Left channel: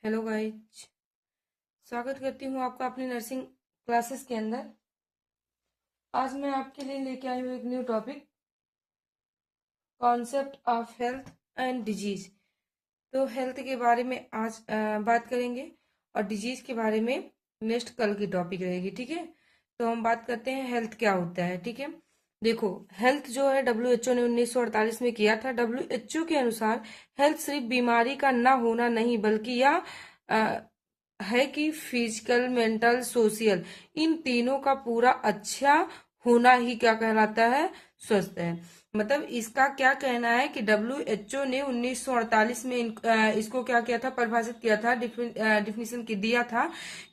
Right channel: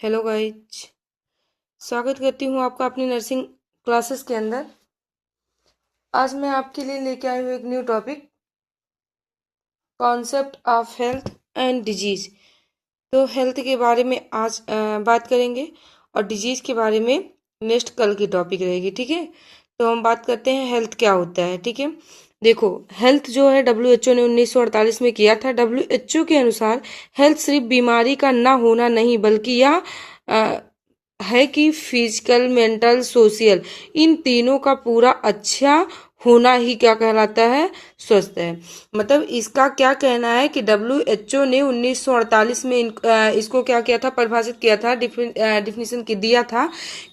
Hello guys. स्वागत करती हूँ आपका अपनी नर्सिंग क्लासेस के अंदर। आज मैं आपके लिए लेके आई हूँ एक new topic, concept of health and disease. तो हेल्थ के बारे में आज बात करेंगे और डिजीज के बारे में नेक्स्ट कल की टॉपिक रहेगी। ठीक है, तो हम बात करते हैं हेल्थ क्या होता है। ठीक है, देखो, हेल्थ जो है डब्ल्यूएचओ ने 1948 में किया था। डब्ल्यूएचओ के अनुसार हेल्थ सिर्फ बीमारी का ना होना नहीं, बल्कि यह है कि फिजिकल, मेंटल, सोशल, इन तीनों का पूरा अच्छा होना ही क्या कहलाता है, स्वस्थ है। मतलब इसका क्या कहना है कि डब्ल्यूएचओ ने 1948 में इसको क्या किया था, परिभाषित किया था, डिफिनीशन दिया था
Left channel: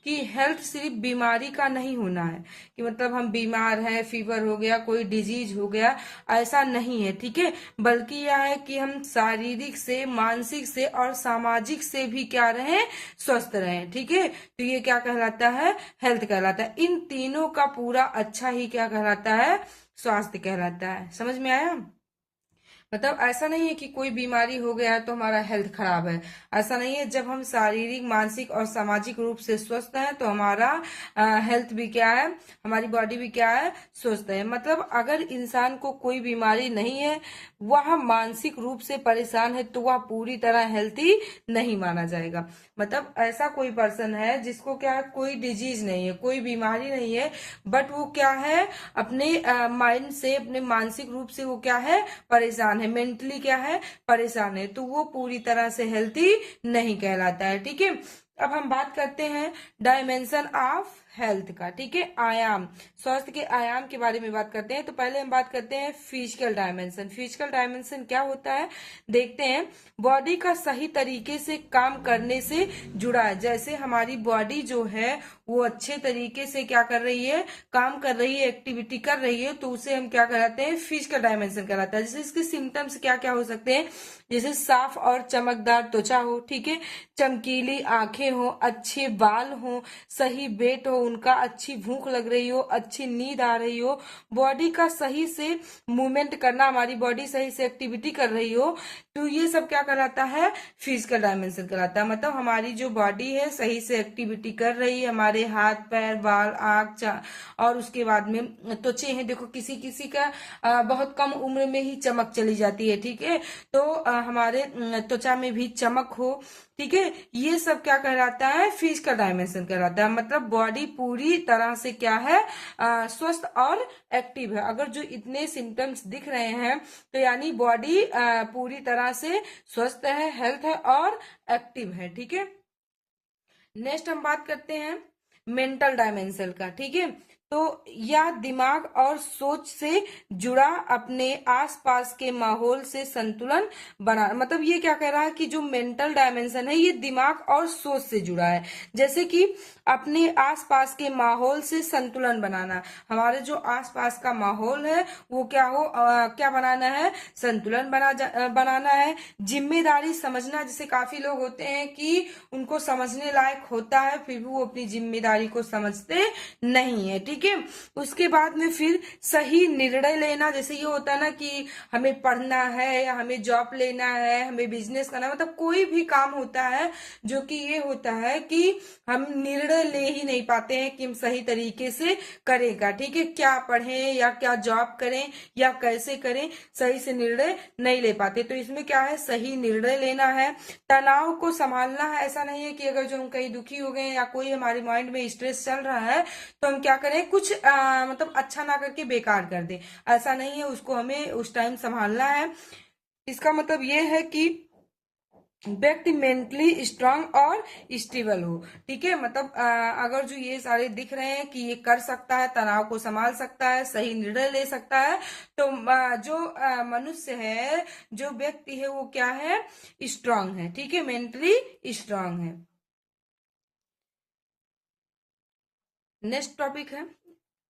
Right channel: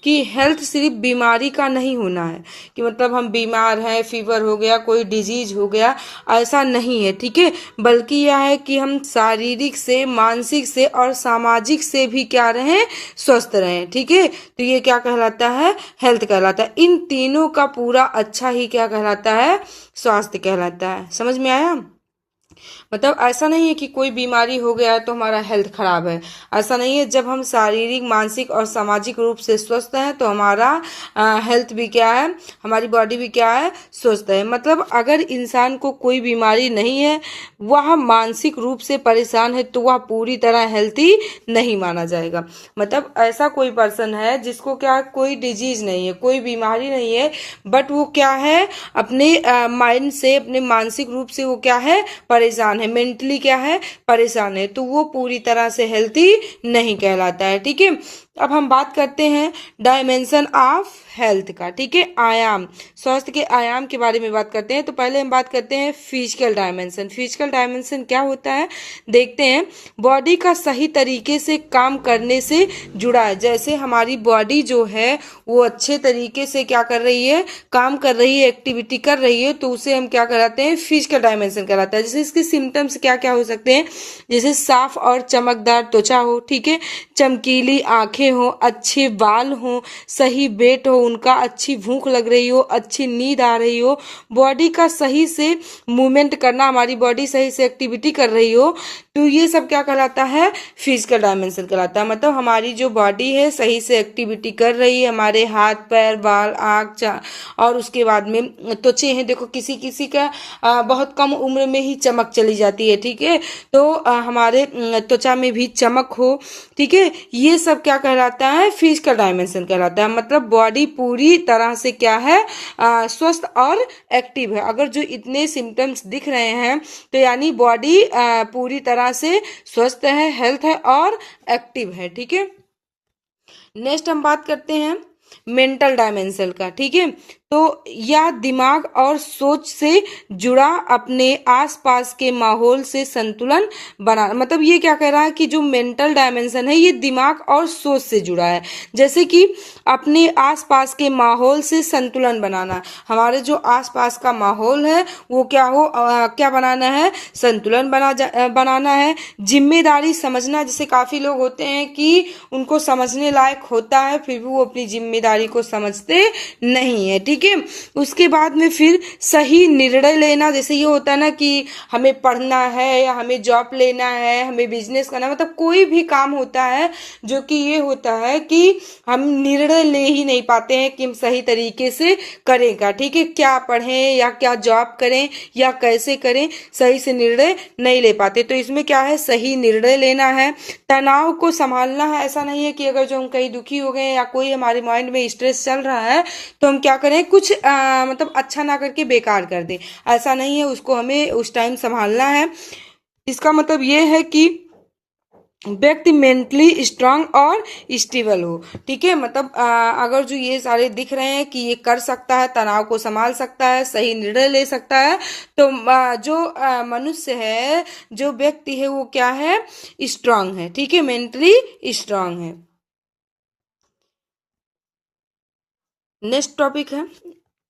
कि हेल्थ सिर्फ बीमारी का नहीं होना है, कि मतलब हम बीमार हैं, फीवर हो गया, कोई डिजीज हो गया, ऐसा नहीं है। ठीक है, बल्कि यह है कि हम शारीरिक से, मानसिक से और सामाजिक से भी क्या रहें, स्वस्थ रहें। ठीक है, तो ये क्या कहलाता है, हेल्थ कहलाता है। इन तीनों का पूरा अच्छा ही क्या कहलाता है, स्वास्थ्य कहलाता है। समझ में आया? मतलब ऐसा नहीं है कि कोई बीमारी हो गया है तो हमारा हेल्थ खराब है, ऐसा नहीं है। जब हम शारीरिक, मानसिक और सामाजिक रूप से स्वस्थ हैं तो हमारा हेल्थ भी क्या है, हमारी बॉडी भी क्या है, स्वस्थ है। मतलब अगर इंसान को कोई बीमारी नहीं है, वह मानसिक रूप से परेशान है, तो वह पूरी तरह हेल्थी नहीं माना जाएगा। मतलब ऐसा कोई पर्सन है जिसको क्या, कोई डिजीज नहीं है, कोई बीमारी नहीं है, बट वो क्या है, अपने माइंड से, अपने मानसिक रूप से वो क्या है, परेशान है, मेंटली क्या है, परेशान है, तो वो पूरी तरह से हेल्थी नहीं कहलाता है। ठीक है, अब हम बात करते हैं डायमेंशन ऑफ हेल्थ का। ठीक है, आयाम, स्वास्थ्य के आयाम के बारे में बात करते हैं। तो पहले हम बात करते हैं फिजिकल डायमेंशन। फिजिकल डायमेंशन क्या होता है, देखते हैं। बॉडी का सही तरीके से काम करने से जुड़ा है। जैसे हमारी बॉडी जो है वो अच्छे तरीके से क्या कर रही है, काम कर रही है, एक्टिविटी कर रही है, तो उसे हम क्या कहलाते हैं, फिजिकल डायमेंशन कहलाता है। जैसे इसके सिम्टम्स क्या क्या हो सकते हैं, जैसे साफ और चमकदार त्वचा हो, ठीक है, चमकीली आंखें हो, अच्छे बाल हो, सही वेट हो उनका, अच्छी भूख लग रही हो, अच्छी नींद आ रही हो, बॉडी का सही से मूवमेंट करना, हमारी बॉडी सही से एक्टिविटी कर रही हो, तो ये सब क्या कहलाता है, फिजिकल डायमेंशन कहलाता है। मतलब हमारी जो बॉडी है सही से एक्टिविटी कर रही है, हमारे हाथ पैर, बाल, आँख, और उसके बाद में त्वचे हैं। देखो किसी किसी का बहुत कम उम्र में ही चमक चली जाती है। ठीक है, तो हमारे त्वचा में भी चमक हो। ठीक है, ये सब क्या कहलाता है, फिजिकल डायमेंशन कहलाता है। मतलब बॉडी पूरी तरह से क्या है, स्वस्थ और एक्टिव है। अगर जो इतने सिम्टम्स दिख रहे हैं तो यानी बॉडी पूरी तरह से स्वस्थ है, हेल्थ है और एक्टिव है। ठीक है, नेक्स्ट हम बात करते हैं मेंटल डायमेंशन का। ठीक है, तो यह दिमाग और सोच से जुड़ा, अपने आसपास के माहौल से संतुलन बना। मतलब ये क्या कह रहा है कि जो मेंटल डायमेंशन है ये दिमाग और सोच से जुड़ा है। जैसे कि अपने आसपास के माहौल से संतुलन बनाना, हमारे जो आसपास का माहौल है वो क्या हो, क्या बनाना है, संतुलन बनाना है। जिम्मेदारी समझना, जैसे काफी लोग होते हैं कि उनको समझने लायक होता है फिर भी वो अपनी जिम्मेदारी को समझते नहीं है। ठीक है, उसके बाद में फिर सही निर्णय लेना, जैसे ये होता है ना कि हमें पढ़ना है या हमें जॉब लेना है, हमें बिजनेस करना, मतलब कोई भी काम होता है जो कि ये होता है कि हम निर्णय ले ही नहीं पाते हैं कि हम सही तरीके से करेगा। ठीक है, क्या पढ़ें या क्या जॉब करें या कैसे करें, सही से निर्णय नहीं ले पाते। तो इसमें क्या है, सही निर्णय लेना है, तनाव को संभालना है। ऐसा नहीं है कि अगर जो हम कहीं दुखी हो गए या कोई हमारे माइंड में स्ट्रेस चल रहा है तो हम क्या करें, कुछ मतलब अच्छा ना करके बेकार कर दें, ऐसा नहीं है, उसको हमें उस टाइम संभालना है। इसका मतलब ये है कि व्यक्ति मेंटली स्ट्रांग और स्टेबल हो। ठीक है, मतलब अगर जो ये सारे दिख रहे हैं कि ये कर सकता है, तनाव को संभाल सकता है, सही निर्णय ले सकता है, तो जो मनुष्य है, जो व्यक्ति है वो क्या है, स्ट्रांग है। ठीक है, मेंटली स्ट्रांग है। नेक्स्ट टॉपिक है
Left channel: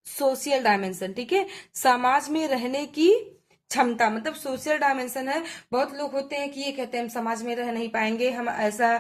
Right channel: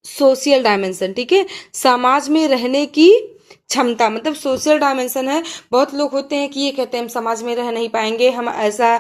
सोशल डायमेंशन। ठीक है, समाज में रहने की क्षमता, मतलब सोशल डायमेंशन है। बहुत लोग होते हैं कि ये कहते हैं हम समाज में रह नहीं पाएंगे, हम ऐसा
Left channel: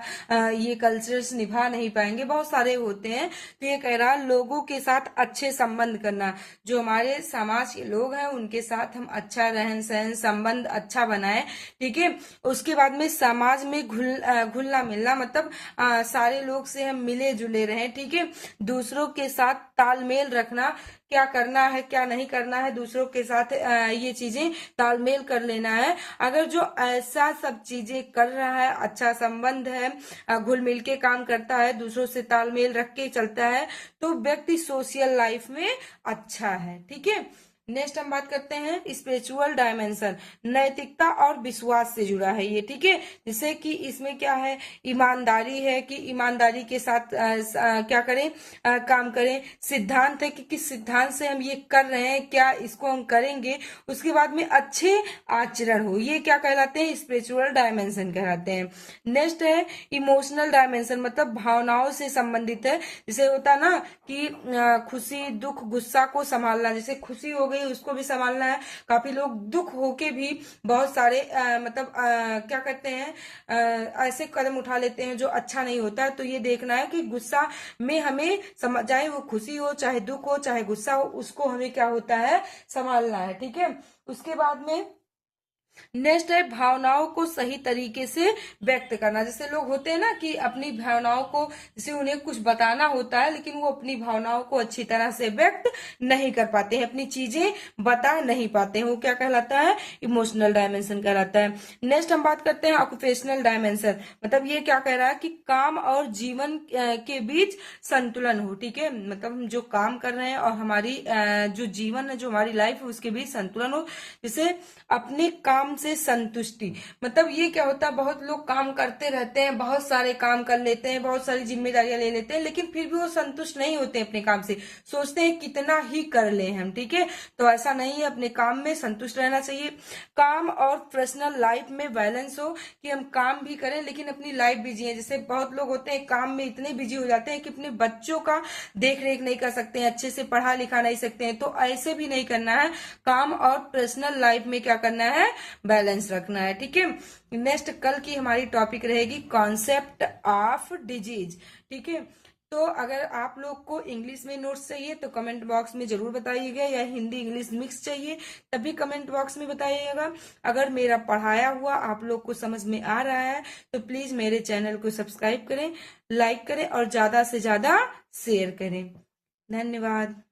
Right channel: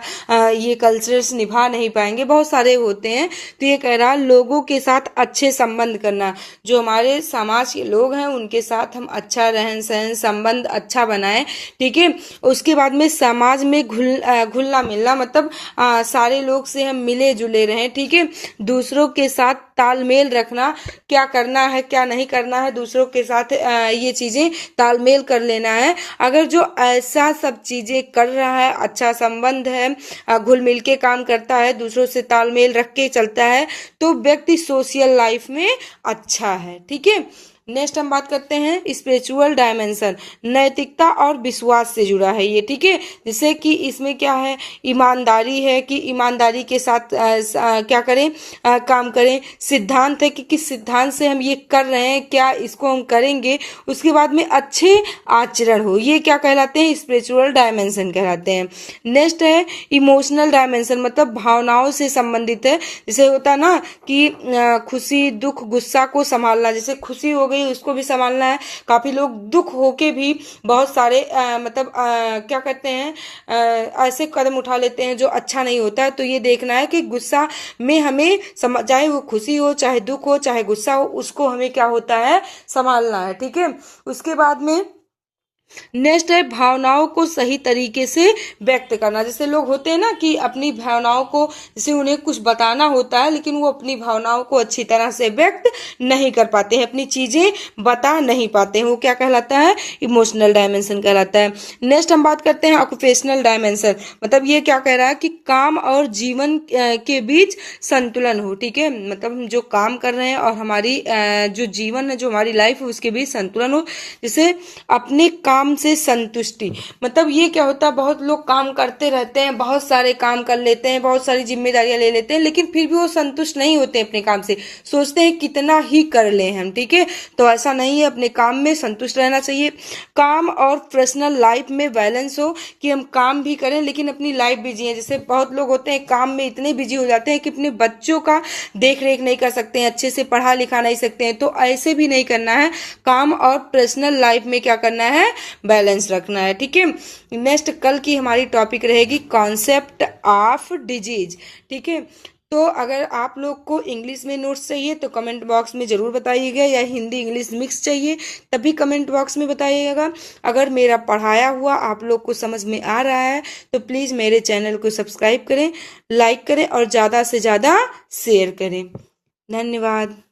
ये कल्चर्स निभा नहीं पाएंगे, बहुत सारे होते हैं। तो ये कह रहा लोगों के साथ अच्छे संबंध करना, जो हमारे समाज के लोग हैं उनके साथ हम अच्छा रहन सहन संबंध अच्छा बनाएं, ठीक है। उसके बाद में समाज में घुलना मिलना, मतलब सारे लोग से हम मिले जुले रहें, ठीक है। दूसरों के साथ तालमेल रखना, क्या करना है क्या नहीं करना है, दूसरों के साथ ये चीजें तालमेल कर लेना है। अगर जो ऐसा सब चीजें कर रहा है, अच्छा संबंध है, घुल मिल के काम करता है, दूसरों से तालमेल रख के चलता है, तो व्यक्ति सोशल लाइफ में अच्छा है, ठीक है। नेक्स्ट हम बात करते हैं स्पिरिचुअल डायमेंशन, नैतिकता और विश्वास से जुड़ा है ये, ठीक है। जैसे कि इसमें क्या है, ईमानदारी है कि ईमानदारी के साथ क्या करें, काम करें। सिद्धांत है कि किस सिद्धांत से हम ये कर रहे हैं, क्या इसको हम करेंगे। उसके बाद में अच्छे आचरण हो, ये क्या कहलाते हैं, स्पिरिचुअल डायमेंशन कहलाते हैं। नेक्स्ट है इमोशनल डायमेंशन, मतलब भावनाओं से संबंधित है। जैसे होता ना कि खुशी दुख गुस्सा को संभालना, जैसे खुशी हो गई उसको भी संभालना है। काफी लोग दुख होके भी बहुत सारे मतलब क्या कहते हैं, ऐसे कदम उठा लेते हैं जो अच्छा नहीं होता है। तो ये देखना है कि गुस्सा में हमें चाहे वो खुशी हो चाहे दुख हो चाहे गुस्सा हो, उसको हमें क्या होता है, संभालना है, ठीक है। उसके बाद में नेक्स्ट है भावनाओं को सही तरीके से व्यक्त करना। जैसे लोग होते हैं ना कि अपनी भावनाओं को, जैसे उन्हें कुछ बताना होता है लेकिन वो अपनी भावनाओं को अच्छी तरह से व्यक्त नहीं कर पाते हैं, अपनी चीजें बता नहीं पाते हैं, वो क्या कहलाता है, इमोशनल डायमेंशन कहलाता है। नेक्स्ट हम बात करते हैं ऑक्यूपेशनल डायमेंशन, मतलब ये क्या कह रहा है कि काम और जीवन के बीच संतुलन हो, ठीक है। मतलब हम जो काम कर रहे हैं और हमारी जो जीवन है, जो हमारी लाइफ है, उसके बीच संतुलन हो। जैसे अपने काम से संतुष्टि, मतलब ये क्या होता है, बहुत लोग काम करते रहते हैं, बहुत सारे काम कर लेते हैं, बहुत सारी जिम्मेदारियां ले लेते हैं, लेकिन फिर भी वो संतुष्ट नहीं होते अपने काम से, सोचते हैं कितना ही कर ले हम, ठीक है। तो ऐसा नहीं है, अपने काम में संतुष्ट रहना चाहिए। काम और पर्सनल लाइफ में बैलेंस हो, कि हम काम भी करें लेकिन अपनी लाइफ भी जिए। जैसे बहुत लोग होते हैं काम में इतने बिजी हो जाते हैं कि अपने बच्चों का देख रेख नहीं कर सकते हैं, अच्छे से पढ़ा लिखा नहीं सकते हैं, तो ऐसे भी नहीं करना है। काम और पर्सनल लाइफ में क्या करना है, बैलेंस रखना है, ठीक है। नेक्स्ट कल की हमारी टॉपिक रहेगी कॉन्सेप्ट ऑफ डिजीज, ठीक है। तो अगर आप लोग को इंग्लिश में नोट्स चाहिए तो कमेंट बॉक्स में जरूर बताइएगा, या हिंदी इंग्लिश मिक्स चाहिए तभी कमेंट बॉक्स में बताइएगा। अगर मेरा पढ़ाया हुआ आप लोग को समझ में आ रहा है तो प्लीज़ मेरे चैनल को सब्सक्राइब करें, लाइक करें और ज़्यादा से ज़्यादा शेयर करें। धन्यवाद।